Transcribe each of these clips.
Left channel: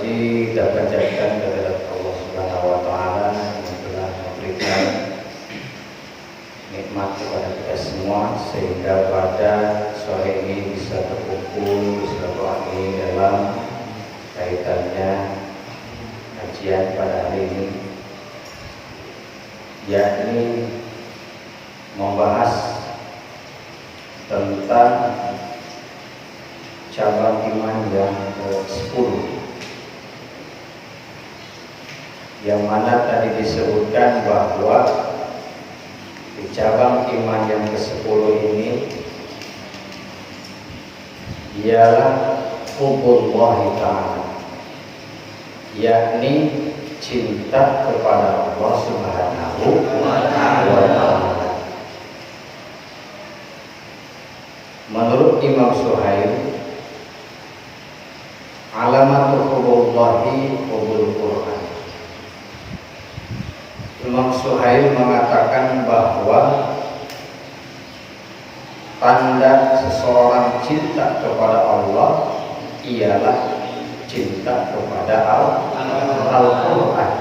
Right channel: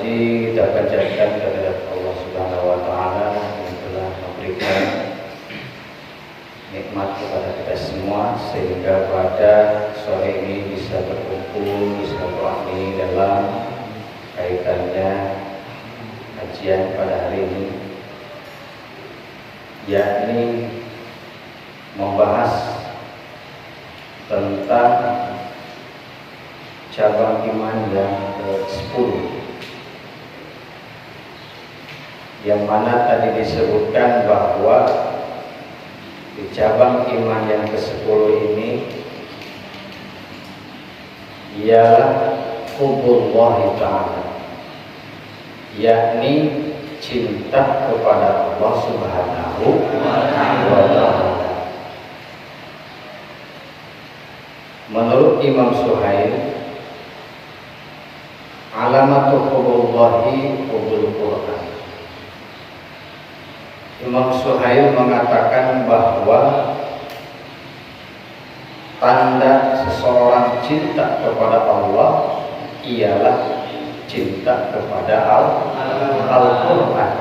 puji kita panjatkan kehadirat Allah Subhanahu wa taala yang telah memberikan nikmat kepada kita semua sehingga pada sore ini bisa berkumpul silaturahmi dalam kaitannya kajian pada hari ini, yakni membahas tentang cabang iman yang ke-10, yang mana tadi disebutkan bahwa di cabang iman yang ke-10 ini ialah hubbullahi ta'ala, yakni cinta kepada Allah Subhanahu wa ta'ala. Menurut Imam Suhail, alamatu hubbullahi hubbul Quran. Imam Suhail mengatakan bahwa tanda seseorang cinta kepada Allah ialah cinta kepada Al-Quran.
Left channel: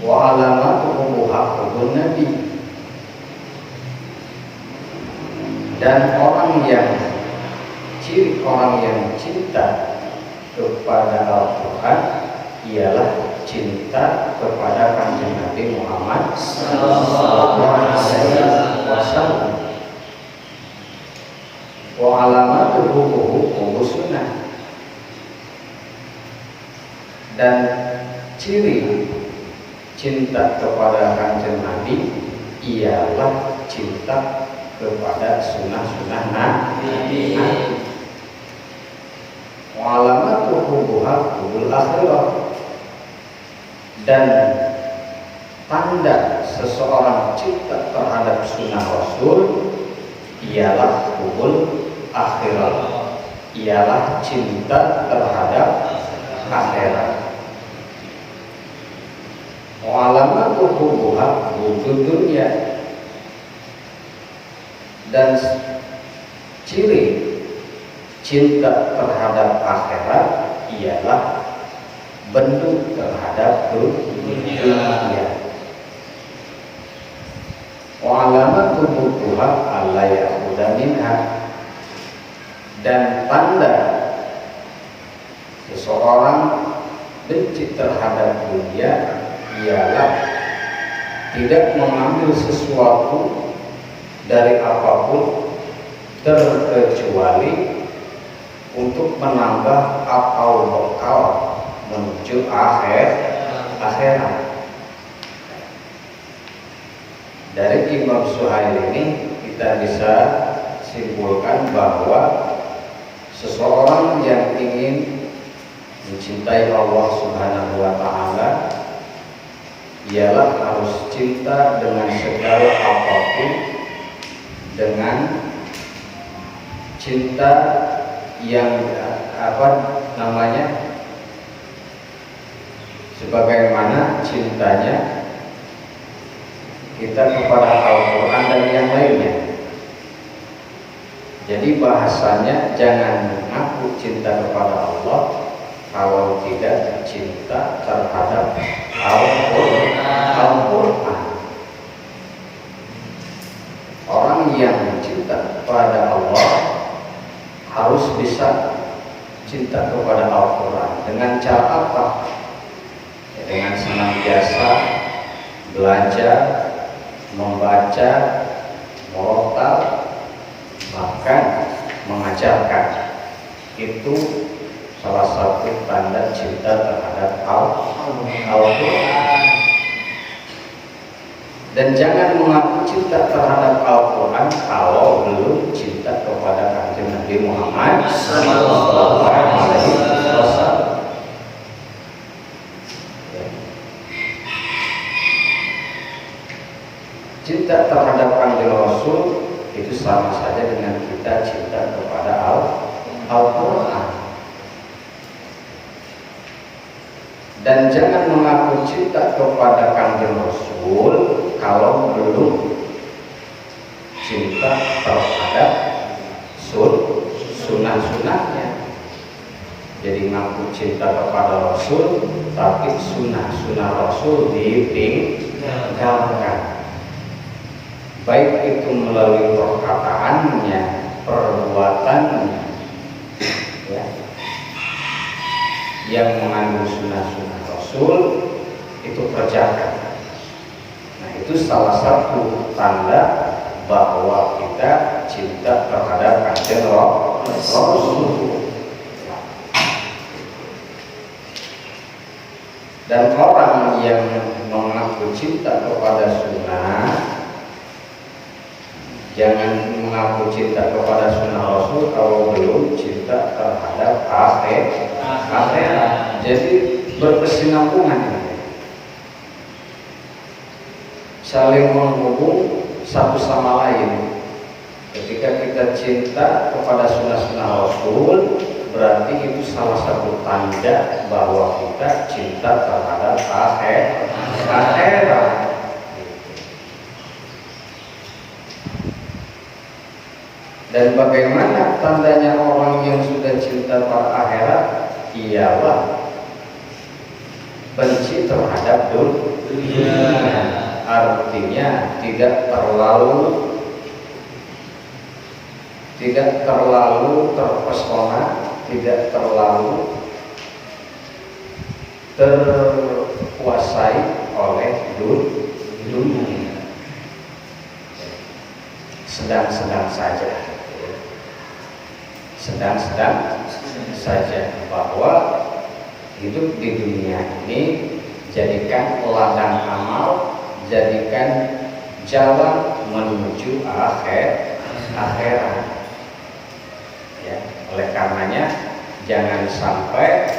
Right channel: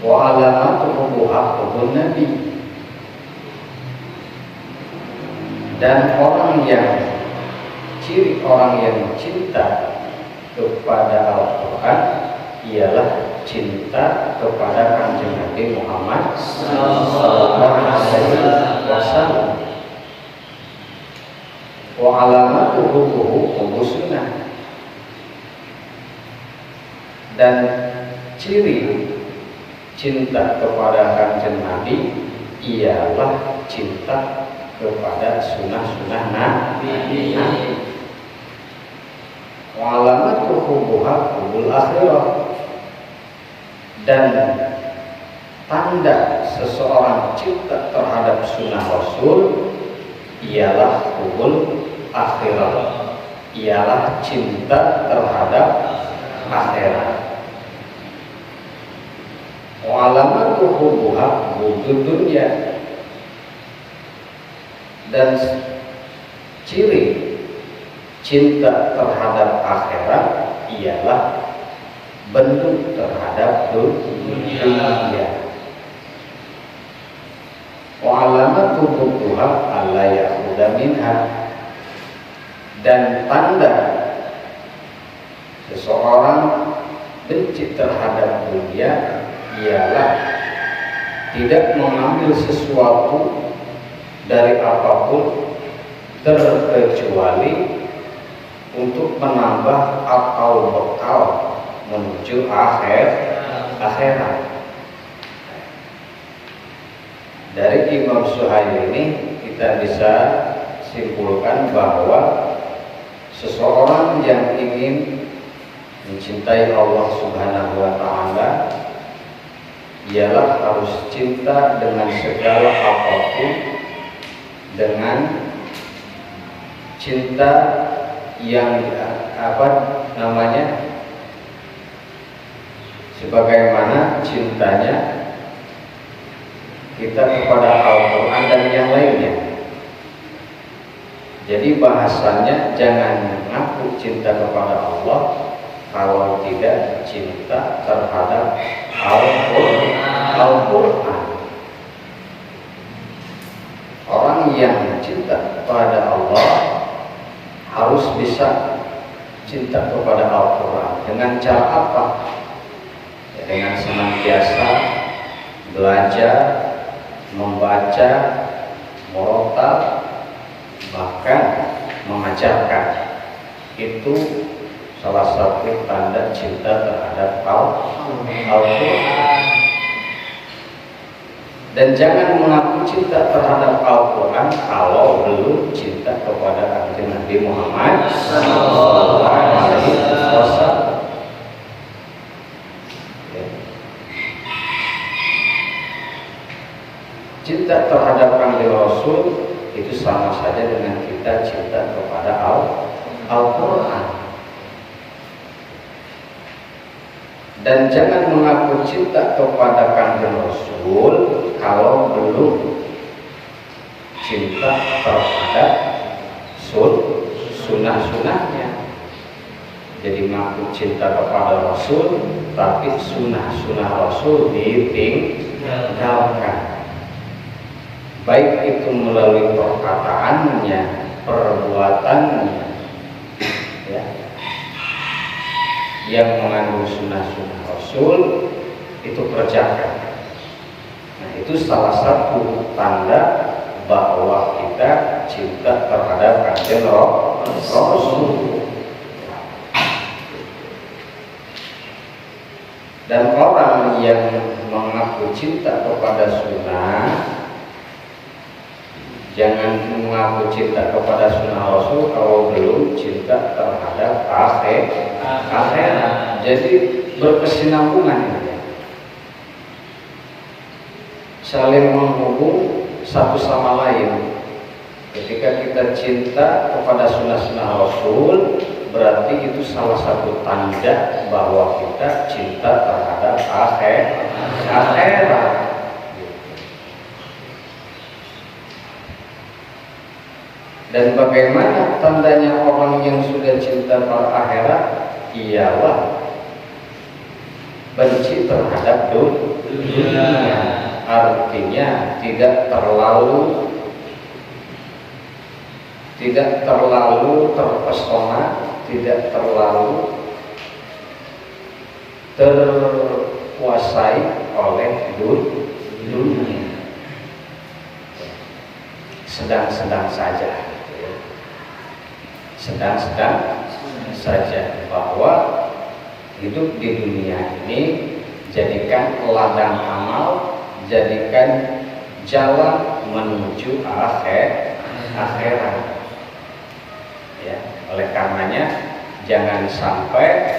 Wa alamatu hubbun Nabi. Dan ciri orang yang cinta kepada Al-Quran ialah cinta kepada Kanjeng Nabi Muhammad sallallahu alaihi wasallam. Wa alamatuhu hubbus sunnah. Dan ciri cinta kepada Kanjeng Nabi ialah cinta kepada sunnah-sunnah Nabi. Wa alamatuhu hubbul akhirah. Dan tanda seseorang cinta terhadap sunnah Rasul ialah hubbul akhirah, ialah cinta terhadap akhirat. Wa alamatuhu hubbud dunya. Dan ciri cinta terhadap akhirat ialah bentuk terhadap dunia. Wa alamatu butuha alla yaquda minha. Dan tanda seseorang benci terhadap dunia ialah tidak mengambil sesuatu dari apapun terkecuali untuk menambah atau bekal menuju akhirat. Dari Imam Suhail ini kita bisa simpulkan bahwa seseorang yang ingin mencintai Allah Subhanahu wa ta'ala ialah harus cinta dengan segala apapun, dengan cinta yang sebagaimana cintanya kita kepada Al-Quran dan yang lainnya. Jadi bahasanya jangan mengaku cinta kepada Allah kalau tidak cinta terhadap Al-Quran. Orang yang cinta kepada Allah harus bisa cinta kepada Al-Quran. Dengan cara apa? Ya, dengan senantiasa belajar, membaca, murotal, bahkan mengajarkan. Itu salah satu tanda cinta terhadap Al-Quran. Dan jangan mengaku cinta terhadap Al-Quran kalau belum cinta kepada Kanjeng Nabi Muhammad sallallahu alaihi wasallam. Cinta terhadap Kanjeng Rasul itu sama saja dengan kita cinta kepada Al-Quran. Dan jangan mengaku cinta kepada Kanjeng Rasul kalau belum cinta terhadap sunnah-sunnahnya. jadi ngaku cinta kepada Rasul, tapi sunnah Rasul ditinggalkan. Baik itu melalui perkataannya, perbuatannya, ya, yang mengandung sunnah Rasul itu kerjakan. Nah, itu salah satu tanda bahwa kita cinta terhadap Kanjeng Rasul. Dan orang yang mengaku cinta kepada sunnah, jangan mengaku cinta kepada sunnah Rasul kalau belum cinta terhadap akhirat. Jadi berkesinambungan ini, saling menghubung satu sama lain. Ketika kita cinta kepada sunnah Rasul, berarti itu salah satu tanda bahwa kita cinta terhadap akhirat. Dan bagaimana tandanya orang yang sudah cinta pada akhirat? Ialah benci terhadap dunia. Artinya tidak terlalu terpesona, tidak terlalu terkuasai oleh dunia, sedang-sedang saja, sedang-sedang saja, bahwa hidup di dunia ini jadikan ladang amal, jadikan jalan menuju akhirat. Ya, oleh karenanya jangan sampai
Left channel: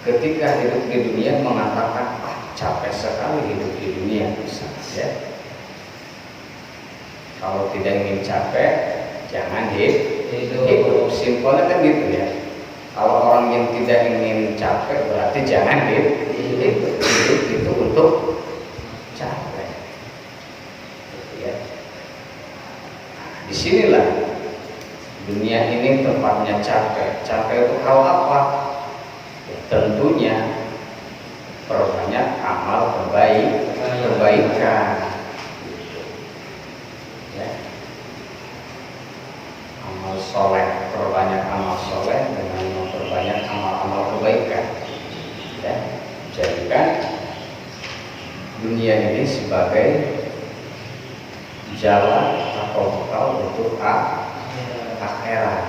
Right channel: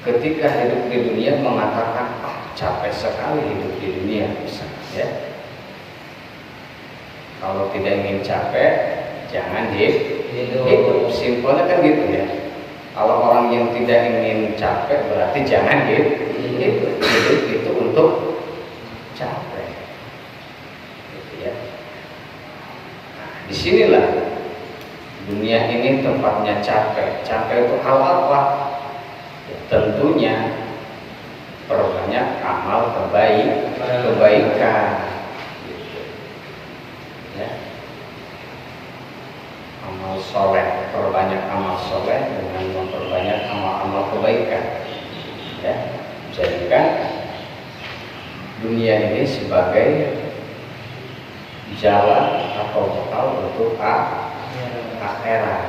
ketika hidup di dunia mengatakan capek sekali hidup di dunia, misalnya, ya. Kalau tidak ingin capek, jangan hidup. Simpelnya kan gitu ya. Kalau orang yang tidak ingin capek berarti jangan hidup. Hidup itu untuk capek, gitu ya. Nah, disinilah dunia ini tempatnya capek. Capek itu hal apa? Ya, tentunya perbanyak amal kebaikan. Ya. Amal soleh, perbanyak amal soleh dengan memperbanyak amal-amal kebaikan. Ya, jadikan dunia ini sebagai jalan atau bekal untuk akhirat.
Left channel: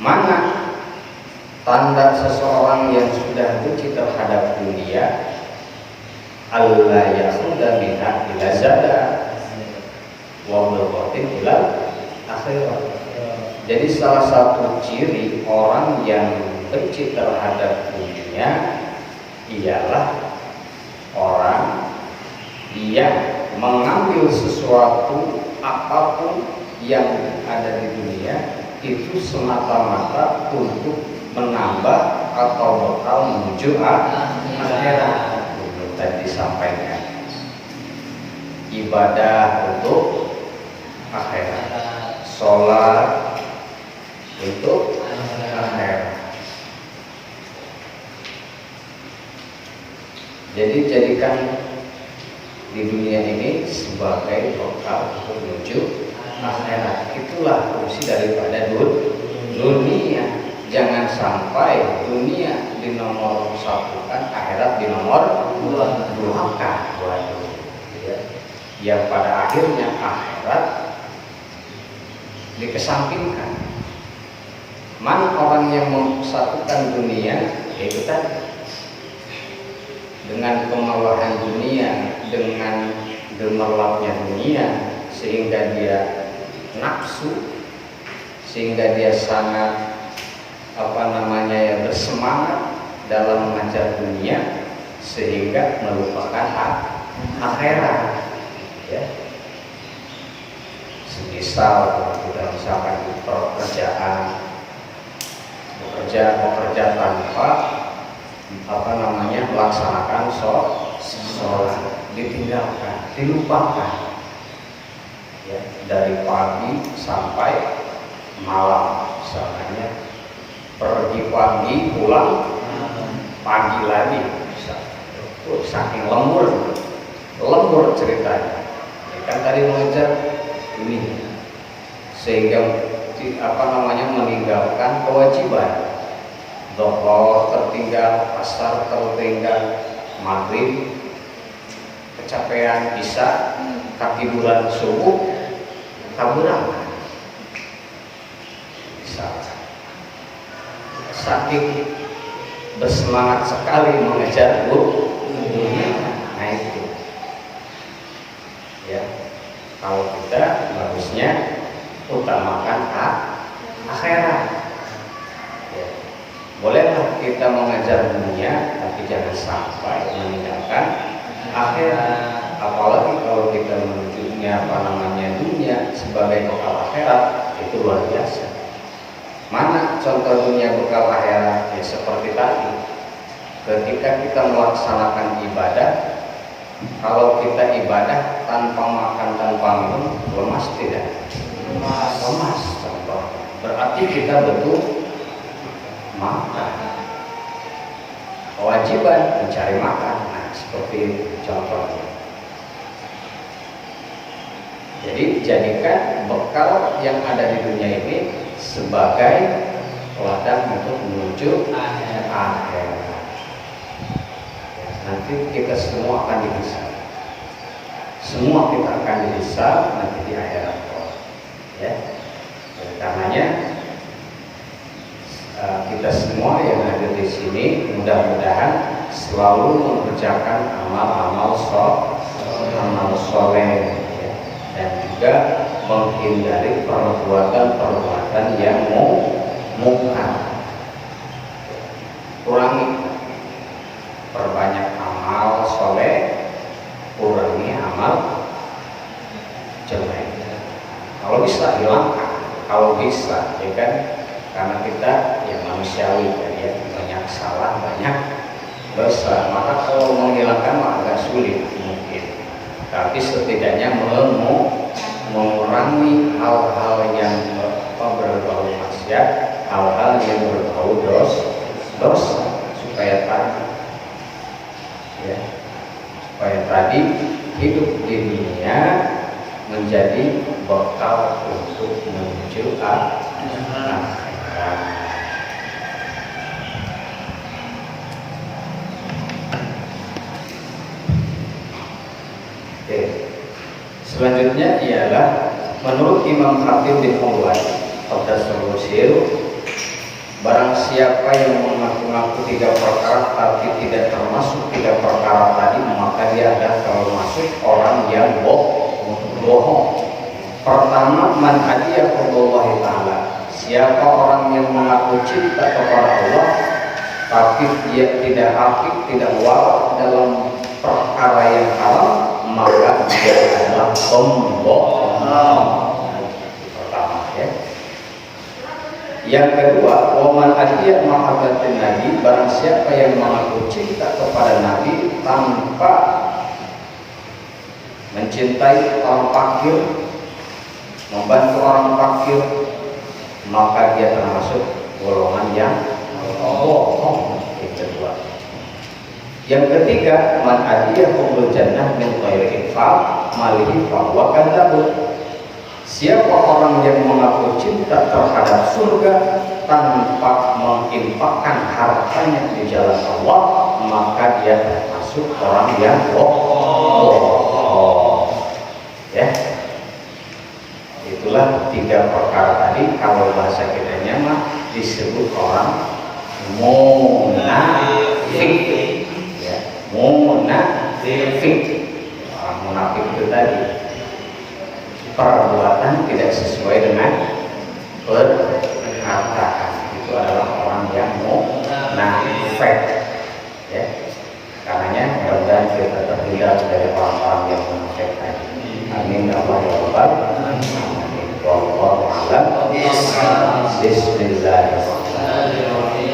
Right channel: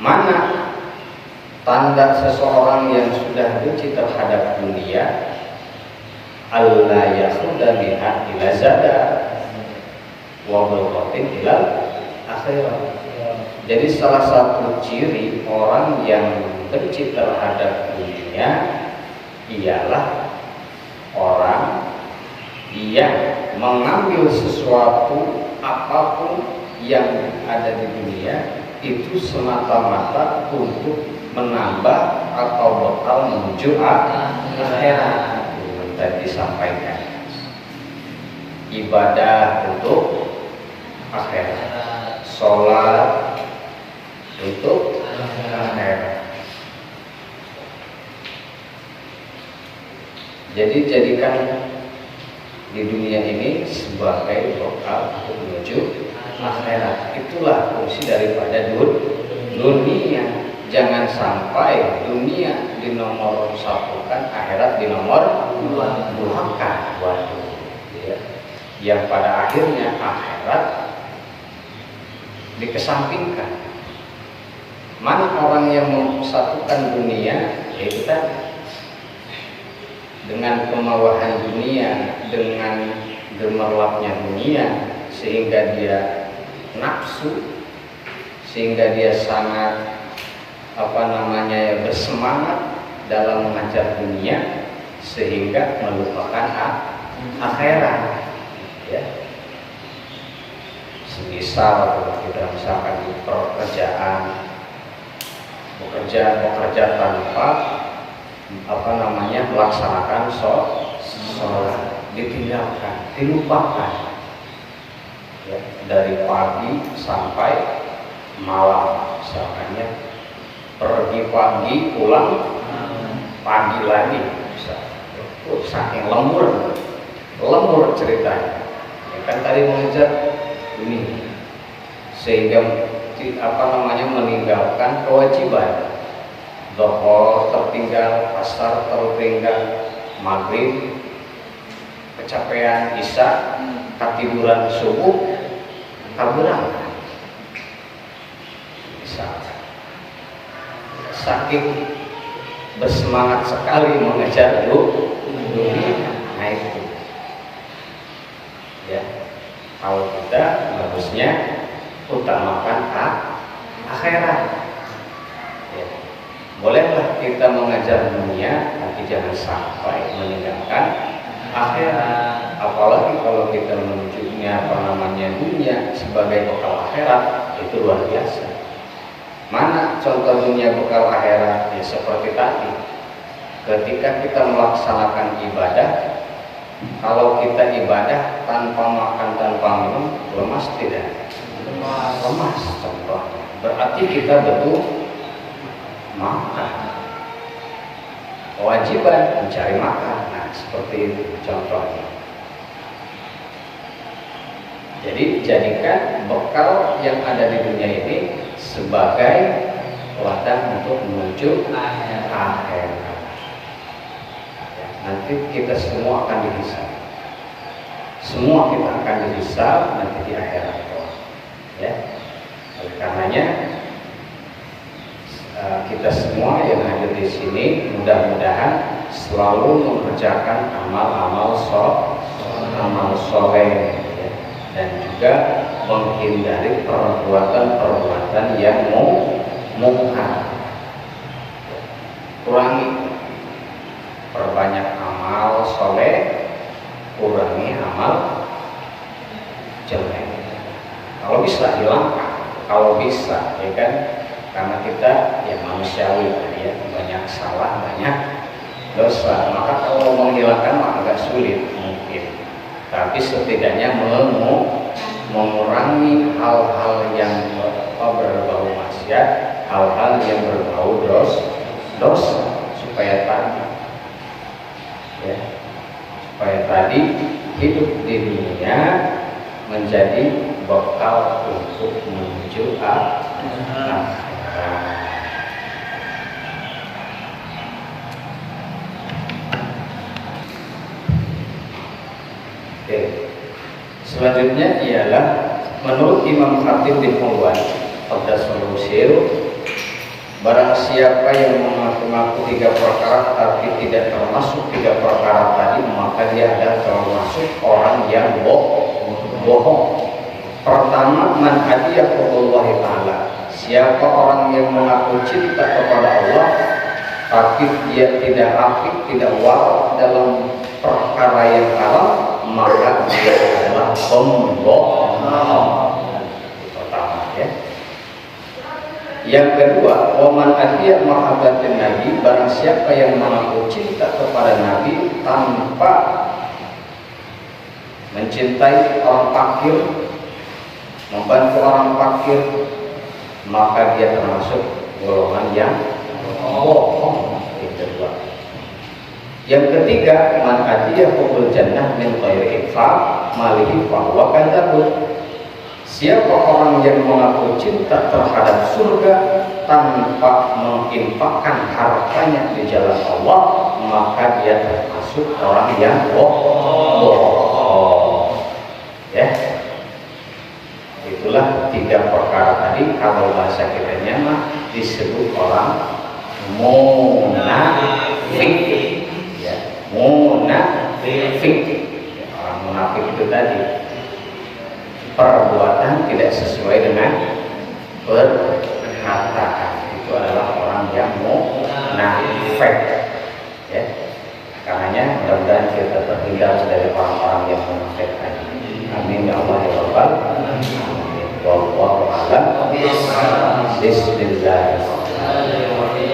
Mana tanda seseorang yang sudah benci terhadap dunia? Allah yasuda minha ila zada wa bulqatin ila akhirat. Jadi salah satu ciri orang yang benci terhadap dunia ialah orang yang mengambil sesuatu apapun yang ada di dunia itu semata-mata untuk menambah atau bekal menuju akhirat. Tadi disampaikan ibadah untuk akhirat, sholat untuk akhirat. Jadi jadikan di dunia ini sebagai bekal untuk menuju akhirat. Itulah fungsi daripada dunia. Jangan sampai dunia dinomor satukan, akhirat dinomor duakan. Waduh, ya. Yang pada akhirnya akhirat dikesampingkan. Mana orang yang memsatukan dunia? Yaitu tadi, dengan kemewahan dunia, dengan gemerlapnya dunia, sehingga dia nafsu, sehingga dia sangat bersemangat dalam mengajar dunia, sehingga melupakan akhirat, ya. Semisal kita misalkan di pekerjaan, bekerja tanpa melaksanakan sholat, ditinggalkan, dilupakan, ya, dari pagi sampai malam. Misalnya pergi pagi pulang pagi lagi bisa. Saking lembur ceritanya. Ya, kan tadi mengejar ini sehingga meninggalkan kewajiban. Zuhur tertinggal, asar tertinggal, maghrib kecapean, isya ketiduran, subuh berangkat. Misalnya saking bersemangat sekali mengejar dunia, nah itu ya. Kalau kita bagusnya utamakan akhirat ya. Bolehlah kita mengejar dunia, tapi jangan sampai meninggalkan akhirat. Apalagi kalau kita menunjuknya dunia sebagai bekal akhirat, itu luar biasa. Mana contoh dunia bekal akhirat? Ya seperti tadi, ketika kita melaksanakan ibadah, kalau kita ibadah tanpa makan, tanpa minum, lemas tidak? Lemas contohnya. Berarti kita betul makan. Kewajiban mencari makan. Nah, seperti itu contohnya. Jadi jadikan bekal yang ada di dunia ini sebagai ladang untuk menuju akhirat. Nanti kita semua akan dihisab. Semua kita akan dihisab nanti di akhirat. Ya. Oleh karenanya kita semua yang ada di sini mudah-mudahan selalu mengerjakan amal-amal soleh ya. Dan juga menghindari perbuatan-perbuatan yang munkar. Kurangi, perbanyak amal soleh, kurangi amal jelek. Kalau bisa hilangkan, kalau bisa ya kan, karena kita yang manusiawi ya, banyak salah, banyak dosa. Maka kalau menghilangkan mah agak sulit mungkin. Tapi setidaknya mengurangi hal-hal yang berbau maksiat, hal-hal yang berbau dosa, supaya tadi hidup di dunia menjadi bekal untuk menuju akhirat. Oke. Selanjutnya ialah menurut Imam Khatib bin Hawwan Qaddasallahu, barang siapa yang mengaku-ngaku 3 perkara tapi tidak termasuk 3 perkara tadi, maka dia adalah termasuk orang yang bohong. Pertama, man hadiyaqullahi ta'ala, siapa orang yang mengaku cinta kepada Allah tapi dia tidak aktif, tidak wara dalam perkara yang haram, maka dia adalah pembohong. Pertama ya. Yang kedua, waman adhiya mahabbatin nabi, barang siapa yang mengaku cinta kepada nabi tanpa mencintai orang fakir, membantu orang fakir, maka dia termasuk golongan yang bohong. Itu dua. Yang ketiga, man adhiya hubul jannah min ghairi infaq malihi fa huwa kadzdzab. Siapa orang yang mengaku cinta terhadap surga tanpa menginfakkan hartanya di jalan Allah, maka dia termasuk orang yang bohong. Ya, itulah 3 perkara tadi. Kalau bahasa kita mah disebut orang munafik. Ya, munafik. Orang munafik itu tadi perbuatan tidak sesuai dengan perkataan. Itu adalah orang yang munafik. Ya, karenanya mudah-mudahan kita terhindar dari orang-orang yang munafik tadi. Amin ya Allah ya Rabbal alamin. Wallahu a'lam. Bismillahirrahmanirrahim.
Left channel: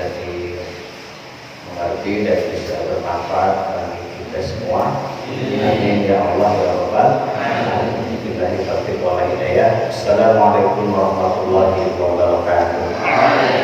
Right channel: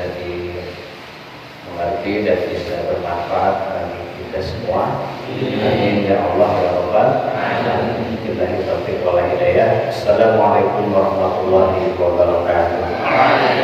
bisa dimengerti dan bisa bermanfaat bagi kita semua. Amin ya Allah ya Rabbal alamin. Billahi taufiq wal hidayah. Assalamualaikum warahmatullahi wabarakatuh.